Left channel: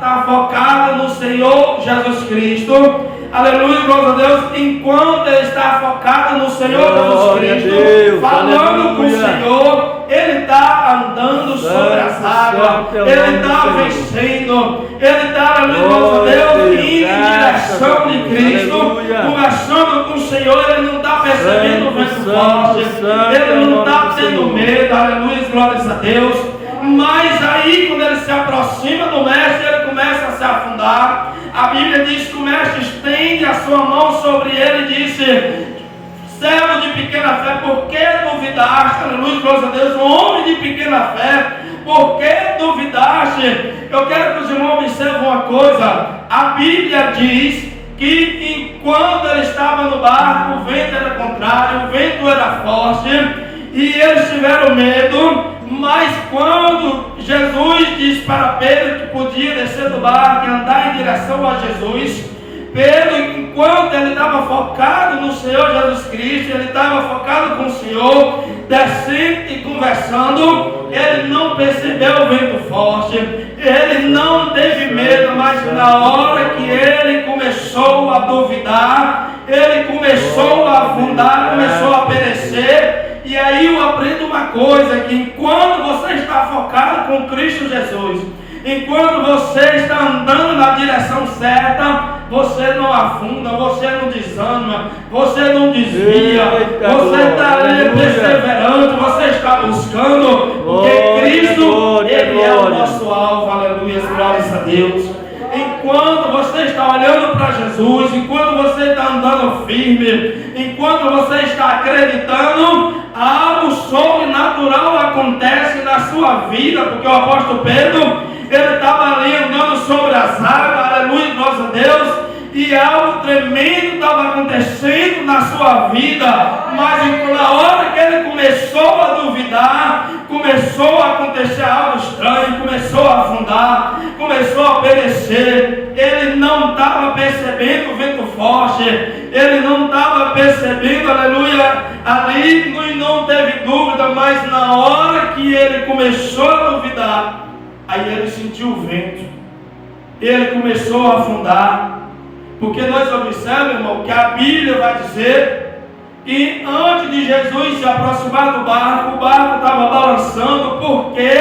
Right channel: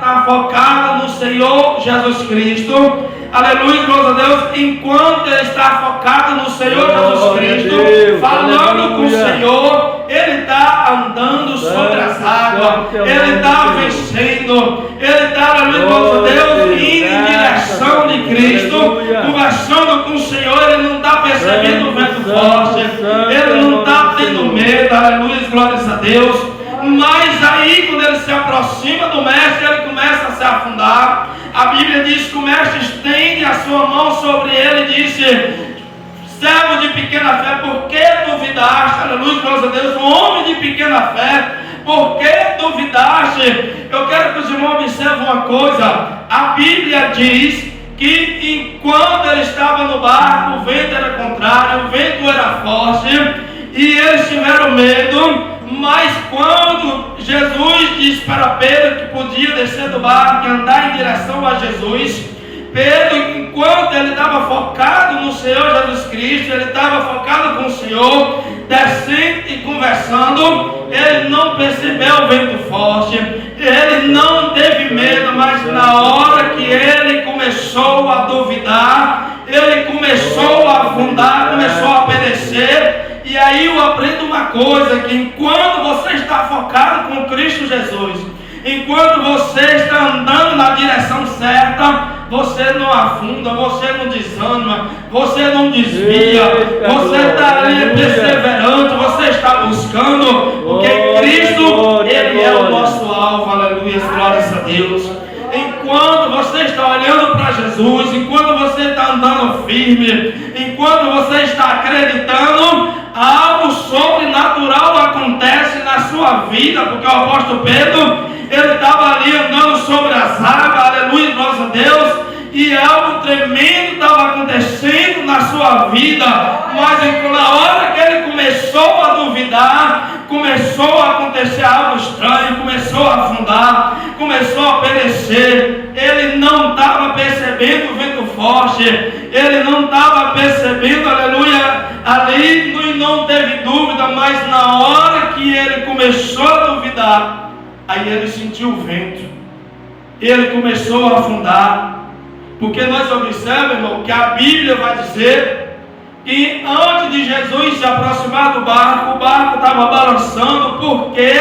está focado no Senhor Jesus Cristo. Aleluia, glória a Deus. Enquanto ele está focado no Senhor Jesus Cristo, falando com o Senhor, ele está andando sobre as águas, ele está vencendo, ele está, aleluia, glória a Deus, indo em direção de Cristo, conversando com o Senhor. Ele não está percebendo o vento forte, ele não está tendo medo, aleluia, glória a Deus. Mas aí, quando ele se aproxima do mestre, ele começa a se afundar. A Bíblia diz que o mestre estende a sua mão sobre ele e disse: servo de pequena fé, por que duvidaste? Aleluia, glória a Deus. Um homem de pequena fé, por que duvidaste? Eu quero que os irmãos observem uma coisa. A Bíblia diz que enquanto ele estava no barco, o vento era contrário, o vento era forte, e eles tiveram medo. Mas quando Jesus disse para Pedro que podia descer do barco e andar em direção a Jesus, Pedro, enquanto ele estava focado no Senhor Jesus Cristo, ele estava focado com o Senhor, descendo e conversando, ele não percebeu o vento forte, ele não teve medo. Mas na hora que ele começou a duvidar, ele começou a afundar, começou a perecer. E aí eu aprendo uma coisa, que enquanto você está focado com Cristo Jesus, enquanto você está andando na direção certa, você não afunda, você não desanima, você não desvia, você está ali perseverante, você está buscando, porque Cristo, Ele é o nosso alvo, aleluia, glórias a Deus. Enquanto você está olhando para Jesus, enquanto você está andando firme, enquanto você está acreditando, algo sobrenatural acontece na sua vida, porque o apóstolo Pedro, ele estava ali andando sobre as águas, aleluia, glória a Deus, e algo tremendo estava acontecendo na sua vida. Mas na hora que ele começou a duvidar, começou a acontecer algo estranho, começou a afundar, começou a perecer. Ele não estava percebendo o vento forte, ele não estava percebendo, aleluia, ali, e não teve dúvida. Mas na hora que ele começou a duvidar, aí ele sentiu o vento, ele começou a afundar. Porque nós observamos, irmão, que a Bíblia vai dizer que antes de Jesus se aproximar do barco, o barco estava balançando, porque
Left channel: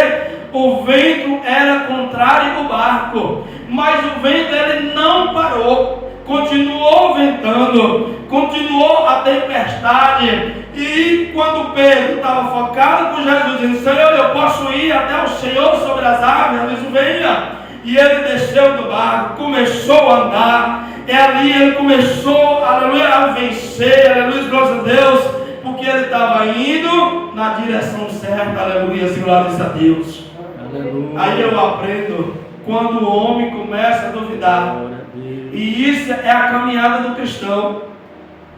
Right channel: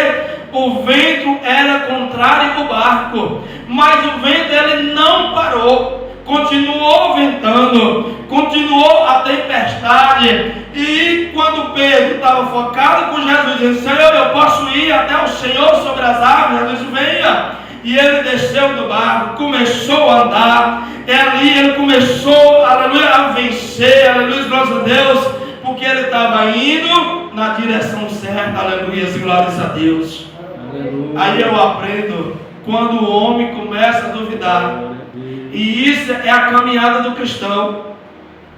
o vento era contrário ao barco. Mas o vento, ele não parou, continuou ventando, continuou a tempestade. E quando Pedro estava focado com Jesus, dizendo: Senhor, eu posso ir até o Senhor sobre as águas? Jesus: venha. E ele desceu do barco, começou a andar. E ali ele começou, aleluia, a vencer, aleluia, glórias a Deus, porque ele estava indo na direção certa, aleluia, glórias a Deus. Aleluia. Aí eu aprendo, quando o homem começa a duvidar, e isso é a caminhada do cristão.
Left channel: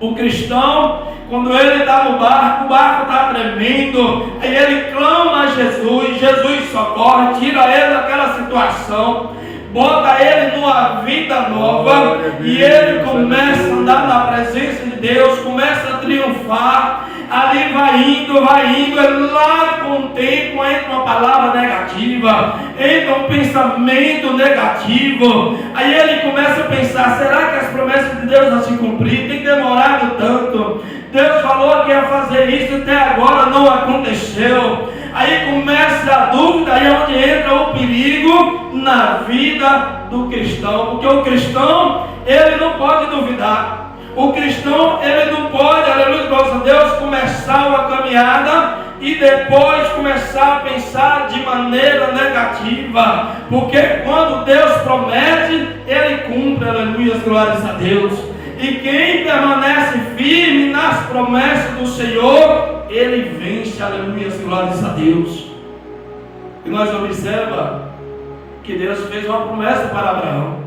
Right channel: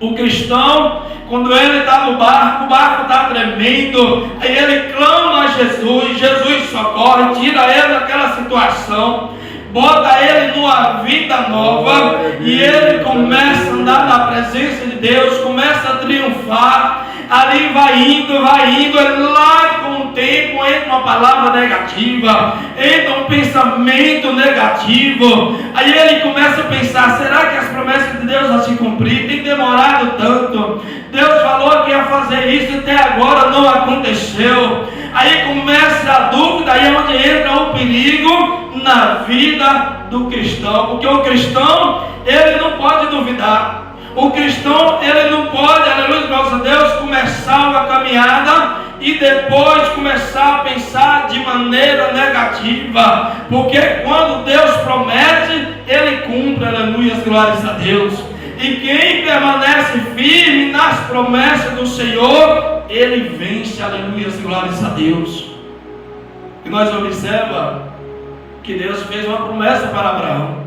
O cristão, quando ele está no barco, o barco está tremendo, aí ele clama a Jesus, Jesus socorre, tira ele daquela situação, bota ele numa vida nova, e ele começa a andar na presença de Deus, começa a triunfar. Ali vai indo, lá com o tempo entra uma palavra negativa, entra um pensamento negativo. Aí ele começa a pensar: será que as promessas de Deus vão se cumprir? Tem demorado tanto, Deus falou que ia fazer isso, até agora não aconteceu. Aí começa a dúvida, aí é onde entra o perigo na vida do cristão, porque o cristão, ele não pode duvidar. O cristão, ele não pode, aleluia, glória a Deus, começar uma caminhada e depois começar a pensar de maneira negativa, porque quando Deus promete, Ele cumpre, aleluia, glórias a Deus. E quem permanece firme nas promessas do Senhor, ele vence, aleluia, glórias a Deus. E nós observamos que Deus fez uma promessa para Abraão,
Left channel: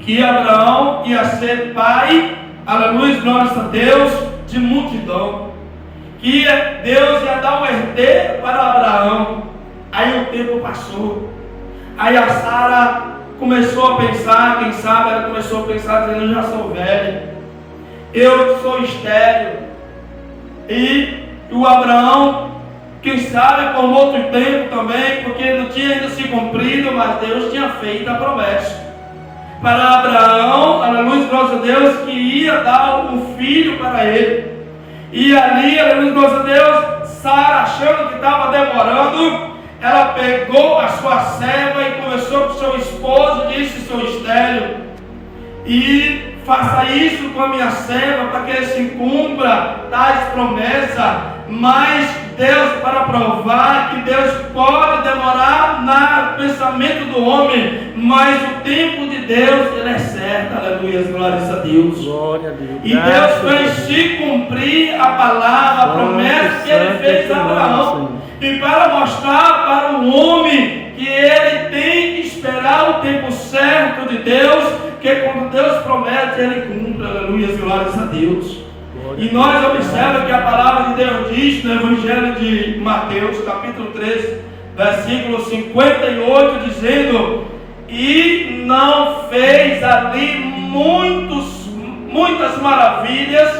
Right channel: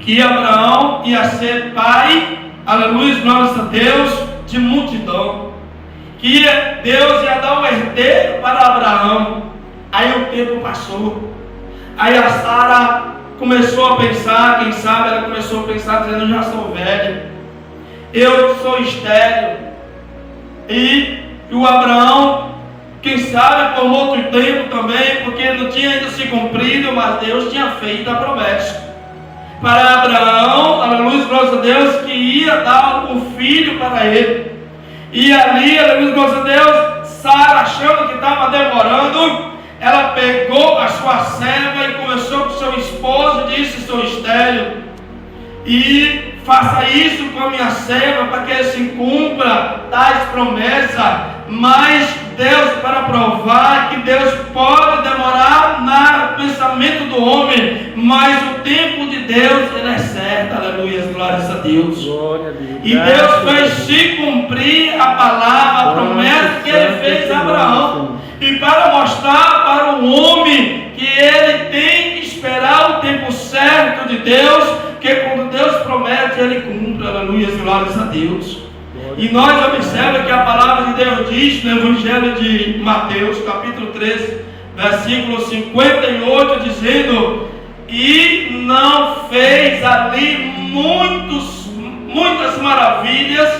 que Abraão ia ser pai, aleluia, glórias a Deus, de multidão, que Deus ia dar um herdeiro para Abraão. Aí o tempo passou, aí a Sara começou a pensar, quem sabe ela começou a pensar, dizendo: eu já sou velho, eu sou estéril. E o Abraão Quem sabe por outro tempo também, porque não tinha ainda se cumprido, mas Deus tinha feito a promessa para Abraão, aleluia, glória a Deus, que ia dar um filho para ele. E ali, aleluia, glória a Deus, Sara, achando que estava demorando, ela pegou a sua serva e conversou com seu esposo e disse: sou estéril, e faça isso com a minha serva para que se cumpra tais promessas. Mas Deus, para provar que Deus pode demorar no pensamento do homem, mas o tempo de Deus, ele é certo, aleluia, glórias a Deus. Glória a Deus. E Deus fez se cumprir a palavra, a promessa que ele fez a Abraão. E para mostrar para o homem que ele tem que esperar o tempo certo de Deus, que quando Deus promete, ele cumpre, aleluia, glórias a Deus. E nós observamos que a palavra de Deus diz no Evangelho de Mateus, capítulo 13, versículo 58, dizendo: e não fez ali muitas maravilhas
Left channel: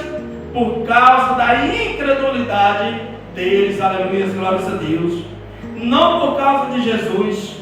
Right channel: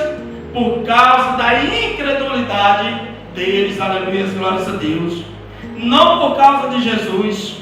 por causa da incredulidade deles, aleluia, glórias a Deus. Não por causa de Jesus,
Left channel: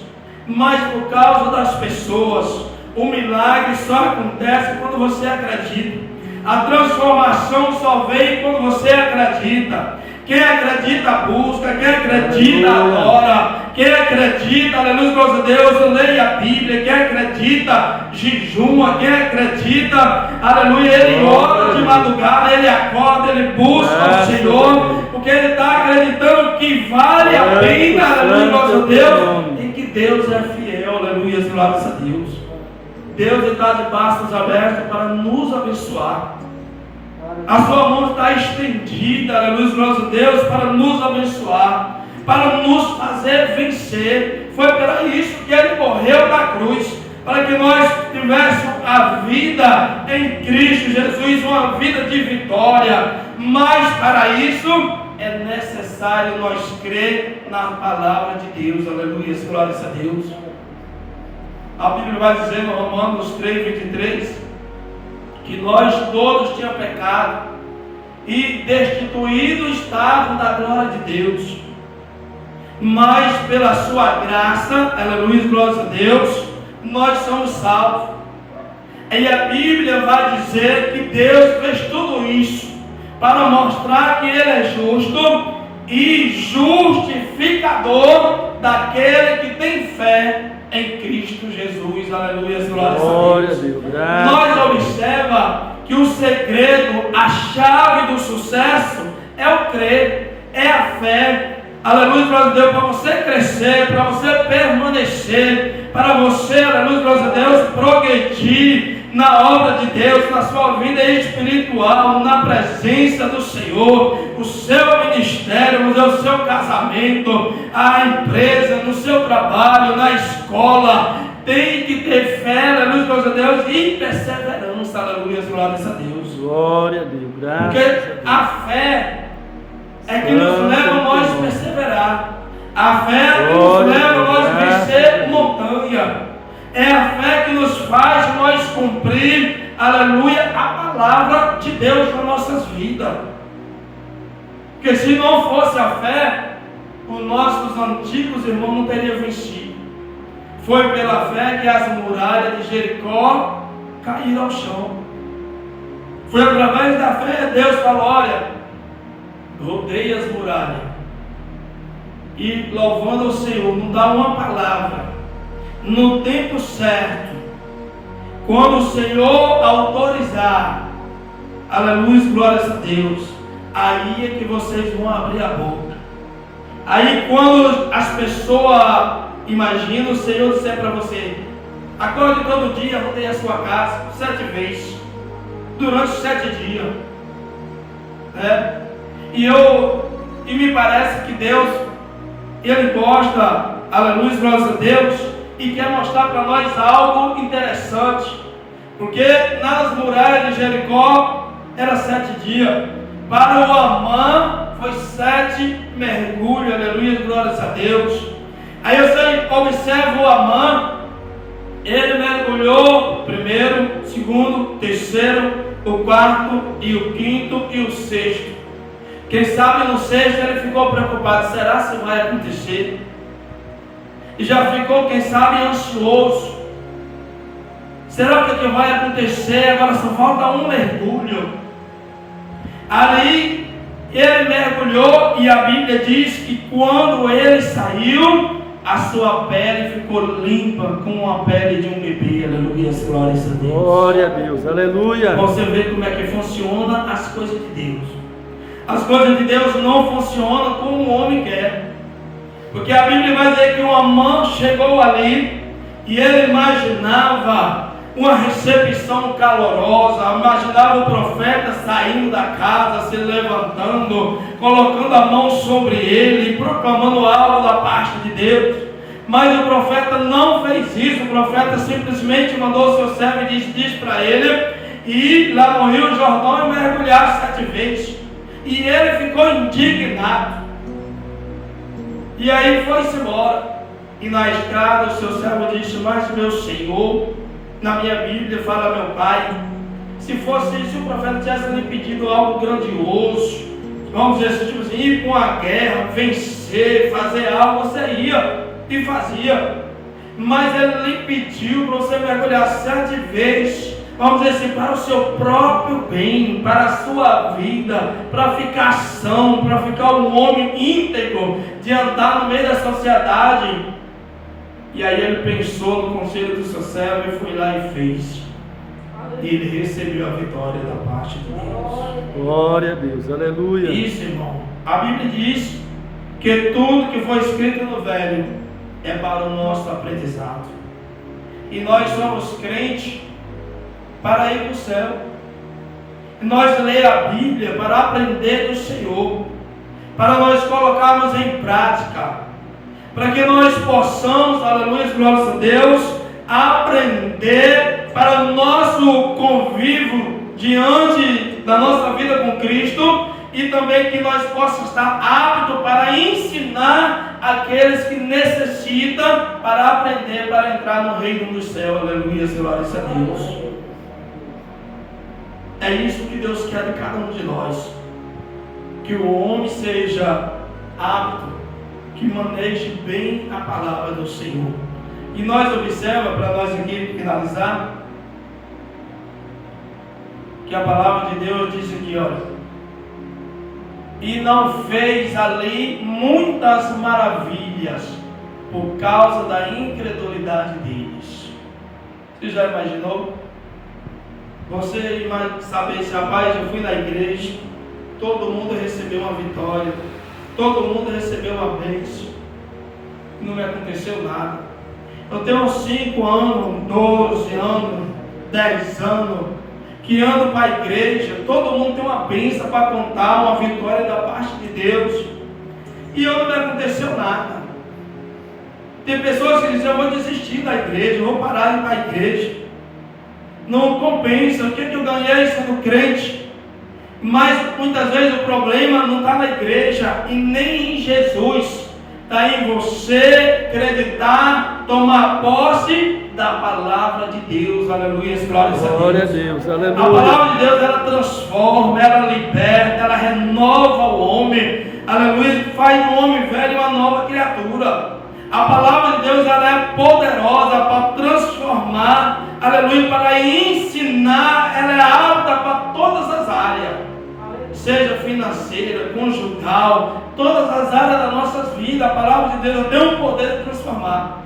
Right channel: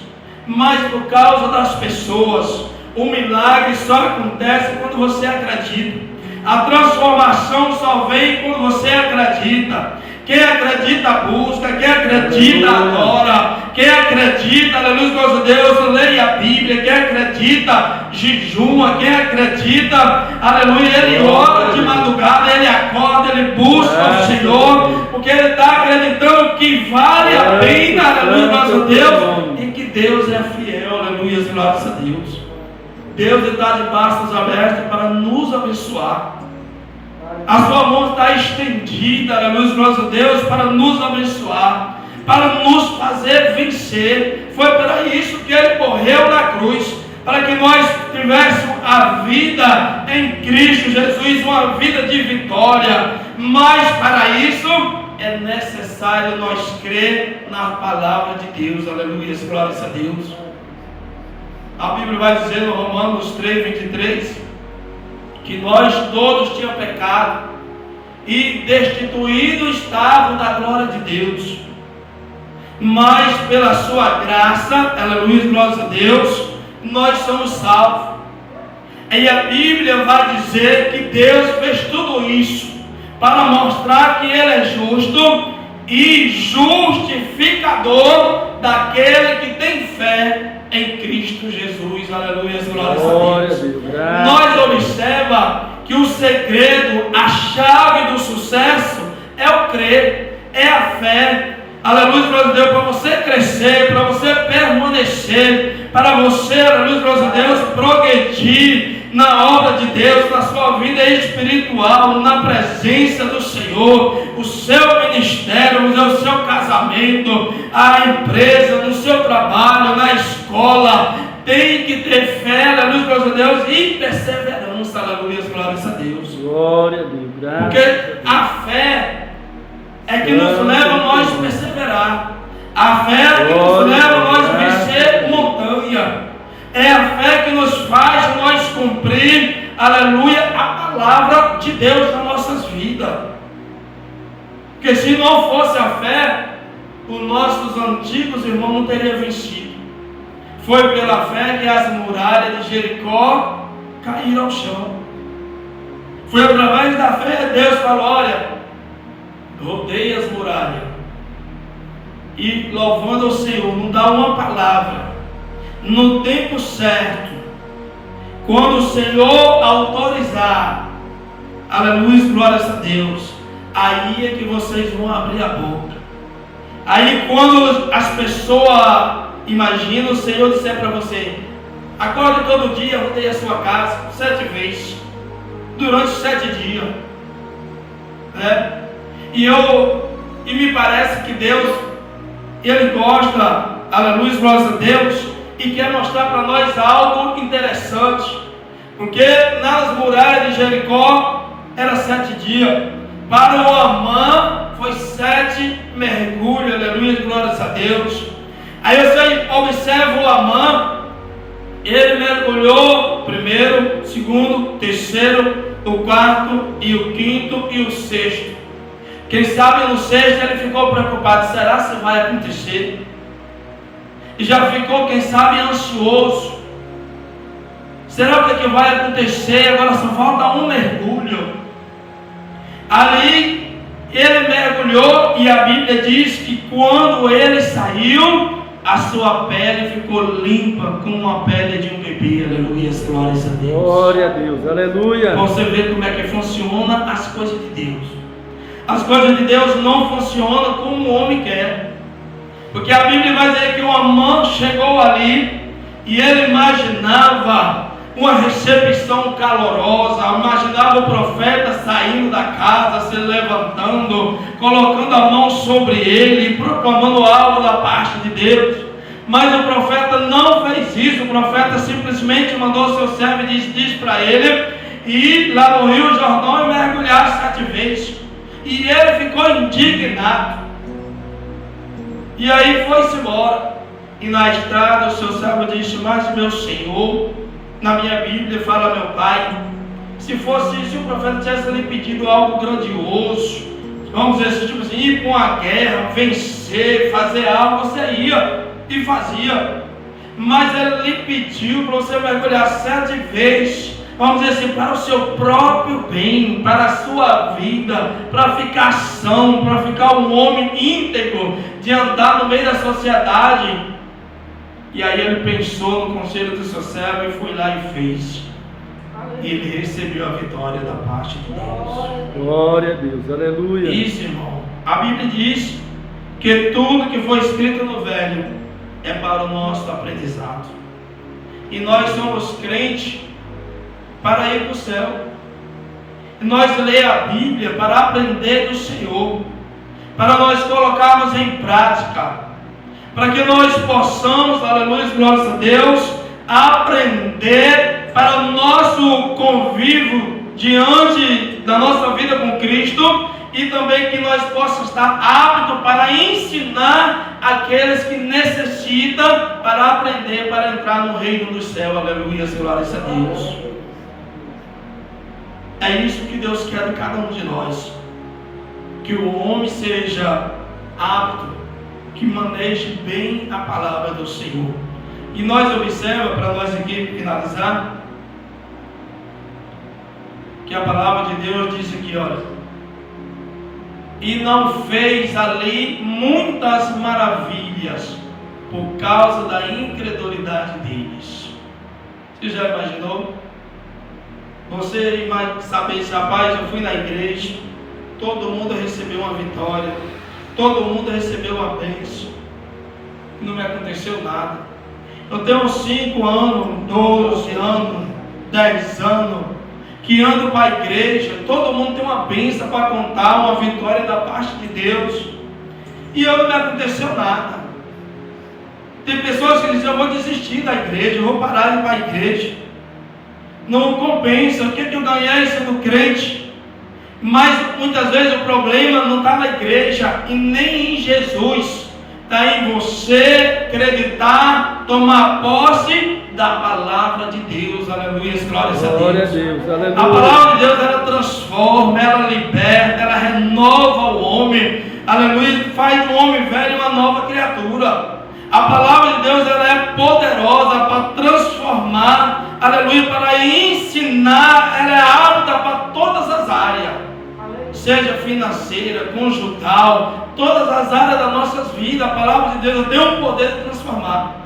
mas por causa das pessoas. O milagre só acontece quando você acredita. A transformação só vem quando você acredita. Quem acredita busca, quem acredita adora, quem acredita, aleluia, glória a Deus, leia a Bíblia, quem acredita jejuma, quem acredita, aleluia, ele ora de madrugada, ele acorda, ele busca o Senhor, porque ele está acreditando que vale a pena, aleluia, glória a Deus, e que Deus é fiel, aleluia, glória a Deus. Deus está de braços abertos para nos abençoar. A sua mão está estendida, aleluia, glória a Deus, para nos abençoar, para nos fazer vencer. Foi para isso que ele morreu na cruz, para que nós tivéssemos a vida em Cristo Jesus, uma vida de vitória. Mas para isso é necessário nós crer na palavra de Deus, aleluia, glória a Deus. A Bíblia vai dizer no Romanos 3, 23, que nós todos tínhamos pecado e destituídos estavam da glória de Deus, mas pela sua graça, aleluia, glória a Deus, nós somos salvos. E a Bíblia vai dizer que Deus fez tudo isso para mostrar que Ele é justo e justificador daquele que tem fé em Cristo Jesus, aleluia, glória a Deus. Nós observamos que o segredo, a chave do sucesso é o crer, é a fé, aleluia, glória a Deus, para você crescer, para você permanecer, para você, aleluia, glória a Deus, progredir na obra de Deus, na sua vida espiritual, na presença do Senhor, o seu ministério, o seu casamento, a empresa, no seu trabalho, na escola. Tem que ter fé, aleluia, glória a Deus, e perseverança, aleluia, glória a Deus. Glória a Deus, graças. Porque a fé é que nos leva a nós perseverar. A fé é que nos leva a nós vencer montanha. É a fé que nos faz nós cumprir, aleluia, a palavra de Deus nas nossas vidas. Porque se não fosse a fé, os nossos antigos irmãos não teriam vencido. Foi pela fé que as muralhas de Jericó caíram ao chão. Foi através da fé que Deus falou: olha, rodeia as muralhas. E louvando ao Senhor, não dá uma palavra. No tempo certo, quando o Senhor autorizar, aleluia, glórias a Deus, aí é que vocês vão abrir a boca. Aí quando as pessoas imaginam, o Senhor disser para você: acorde todo dia, rodeie a sua casa 7 vezes, durante 7 dias. E me parece que Deus, Ele gosta, aleluia, glórias a Deus, e quer mostrar para nós algo interessante, porque nas muralhas de Jericó era 7 dias, para o Amã foi 7 mergulhos, aleluia, glórias a Deus. Aí você observa o Amã, ele mergulhou o primeiro, o segundo, o terceiro, o quarto e o quinto e o sexto. Quem sabe no sexto ele ficou preocupado, será se vai acontecer? E já ficou, quem sabe, ansioso. Será o que vai acontecer? Agora só falta um mergulho. Ali ele mergulhou e a Bíblia diz que quando ele saiu, a sua pele ficou limpa como a pele de um bebê. Aleluia, glórias a Deus. Glória a Deus, aleluia. Você vê como é que funciona as coisas de Deus. As coisas de Deus não funcionam como o homem quer. Porque a Bíblia vai dizer que uma mão chegou ali e ele imaginava uma recepção calorosa, imaginava o profeta saindo da casa, se levantando, colocando a mão sobre ele, proclamando algo da parte de Deus. Mas o profeta não fez isso. O profeta simplesmente mandou seu servo e diz para ele ir lá no Rio Jordão e mergulhar 7 vezes. E ele ficou indignado. E aí foi-se embora. E na estrada o seu servo disse: mas meu Senhor, na minha Bíblia fala meu pai, se fosse isso, o profeta tivesse lhe pedido algo grandioso, vamos dizer assim, tipo assim, ir para uma guerra, vencer, fazer algo, você ia e fazia. Mas ele lhe pediu para você mergulhar 7 vezes, vamos dizer assim, para o seu próprio bem, para a sua vida, para ficar são, para ficar um homem íntegro, de andar no meio da sociedade. E aí ele pensou no conselho do seu servo e foi lá e fez. E ele recebeu a vitória da parte de Deus. Glória a Deus, aleluia. Isso, irmão. A Bíblia diz que tudo que foi escrito no Velho é para o nosso aprendizado. E nós somos crentes para ir para o céu. E nós lemos a Bíblia para aprender do Senhor, para nós colocarmos em prática, para que nós possamos, aleluia, glórias a Deus, aprender para o nosso convívio diante da nossa vida com Cristo, e também que nós possamos estar aptos para ensinar aqueles que necessitam para aprender, para entrar no reino dos céus. Aleluia, glórias a Deus. É isso que Deus quer de cada um de nós, que o homem seja apto, que maneje bem a palavra do Senhor. E nós observamos, para nós aqui finalizar, que a palavra de Deus diz aqui, olha: e não fez ali muitas maravilhas por causa da incredulidade deles. Você já imaginou? Você saber, rapaz, eu fui na igreja, todo mundo recebeu uma vitória, todo mundo recebeu uma bênção, não me aconteceu nada. Eu tenho 5 anos, 12 anos, 10 anos, que ando para a igreja, todo mundo tem uma bênção para contar, uma vitória da parte de Deus, e eu não me aconteceu nada. Tem pessoas que dizem: eu vou desistir da igreja, eu vou parar de ir para a igreja, não compensa, o que eu ganhei sendo crente? Mas muitas vezes o problema não está na igreja e nem em Jesus, está em você acreditar, tomar posse da palavra de Deus. Aleluia, glórias a Deus. Glória a Deus, aleluia. A palavra de Deus, ela transforma, ela liberta, ela renova o homem. Aleluia, faz o homem velho uma nova criatura. A palavra de Deus, ela é poderosa para transformar, aleluia, para ensinar. Ela é apta para todas as áreas, seja financeira, conjugal, todas as áreas das nossas vidas. A palavra de Deus tem o poder de transformar.